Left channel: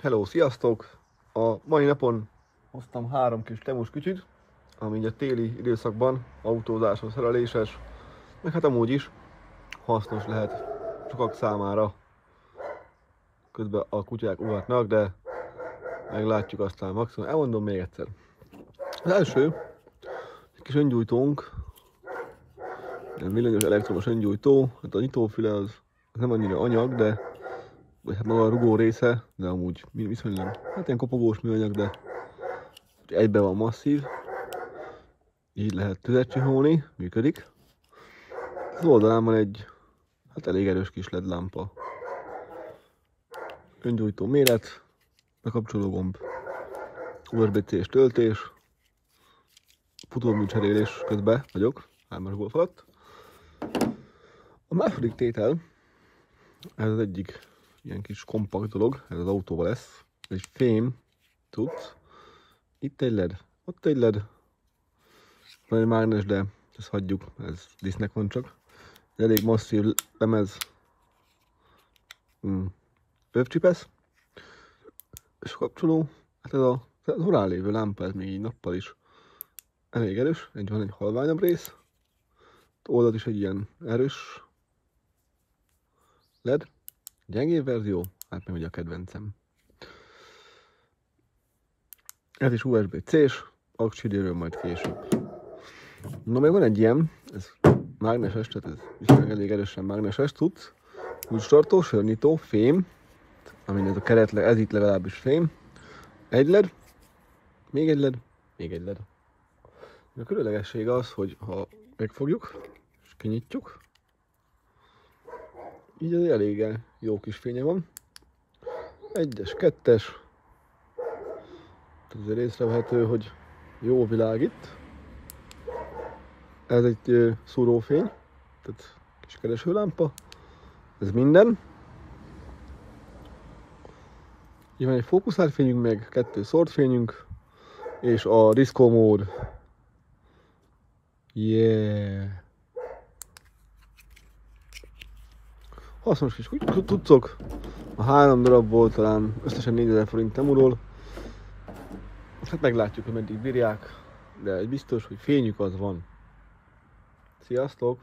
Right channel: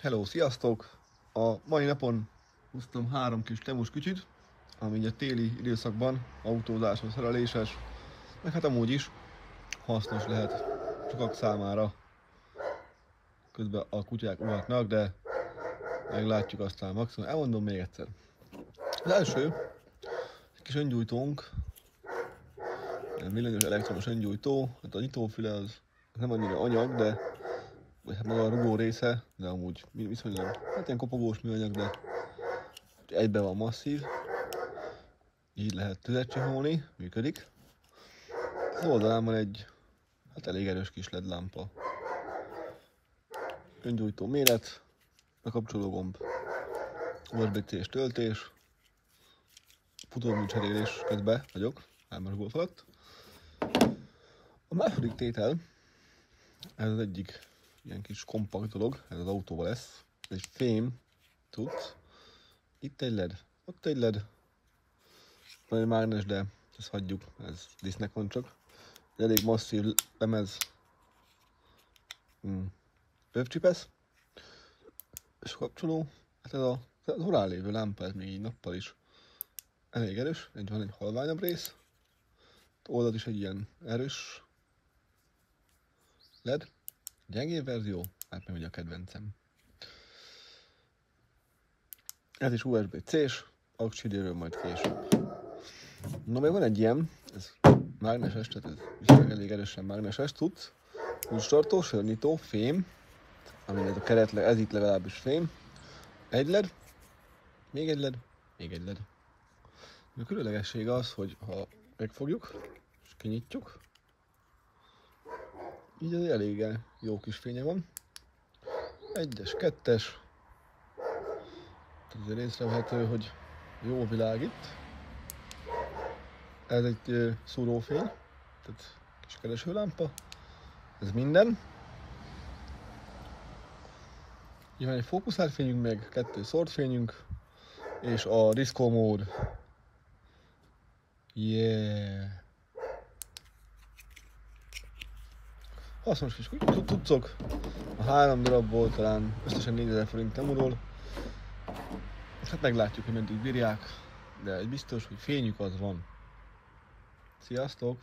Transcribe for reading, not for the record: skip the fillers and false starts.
Hello, sziasztok! A mai napon hoztam 3 kis temus kütyüt, ami a téli időszakban autózáshoz szereléses, meg hát amúgy is hasznos lehet sokak számára. Közben a kutyák ugatnak, de meglátjuk aztán maximum. Elmondom még egyszer. Az első, egy kis öngyújtónk, egy villanyos elektromos öngyújtó, hát a nyitófüle az nem annyira anyag, de vagy hát maga a rugó része, de amúgy viszonylag, hát ilyen kopogós műanyag, de egyben van masszív, így lehet tüzet csiholni, működik. Az oldalán van egy, hát elég erős kis LED lámpa. Öngyújtó méret, bekapcsoló gomb, USB-C-s töltés, futómű cserélés közben vagyok, 3-as golf alatt. A második tétel, ez az egyik ilyen kis kompakt dolog, ez az autóval lesz, egy fém cucc. Itt egy LED, ott egy LED, van egy mágnes, de ezt hagyjuk, ez disznek van csak. Elég masszív lemez, övcsipesz, és kapcsoló, hát ez az orrán lévő lámpa, ez még így nappal is elég erős, van egy halványabb rész, oldalt is egy ilyen erős LED, gyengébb verzió, hát még ugye a kedvencem. Ez is USB-C-s, auxiliről majd később. No, még van egy ilyen, ez mágneses, tehát ez viszonylag elég erősen mágneses cucc. Kulcstartó, sörnyitó, fém, amin ez a keret, ez itt legalábbis fém. Egy LED, még egy LED, még egy LED. A különlegesség az, hogy ha megfogjuk és kinyitjuk, így az elég jó kis fénye van. 1-es, 2-es, tehát azért észrevehető, hogy jó világít. Ez egy szúrófény, tehát kis keresőlámpa, ez minden. Így van egy fókuszált fényünk, meg 2 szórt fényünk, és a diszkó mód. Yeah! Hasznos kis cuccok. A 3 darabból talán összesen 4000 forint temúról. Hát meglátjuk, hogy meddig bírják, de egy biztos, hogy fényük az van. Sziasztok!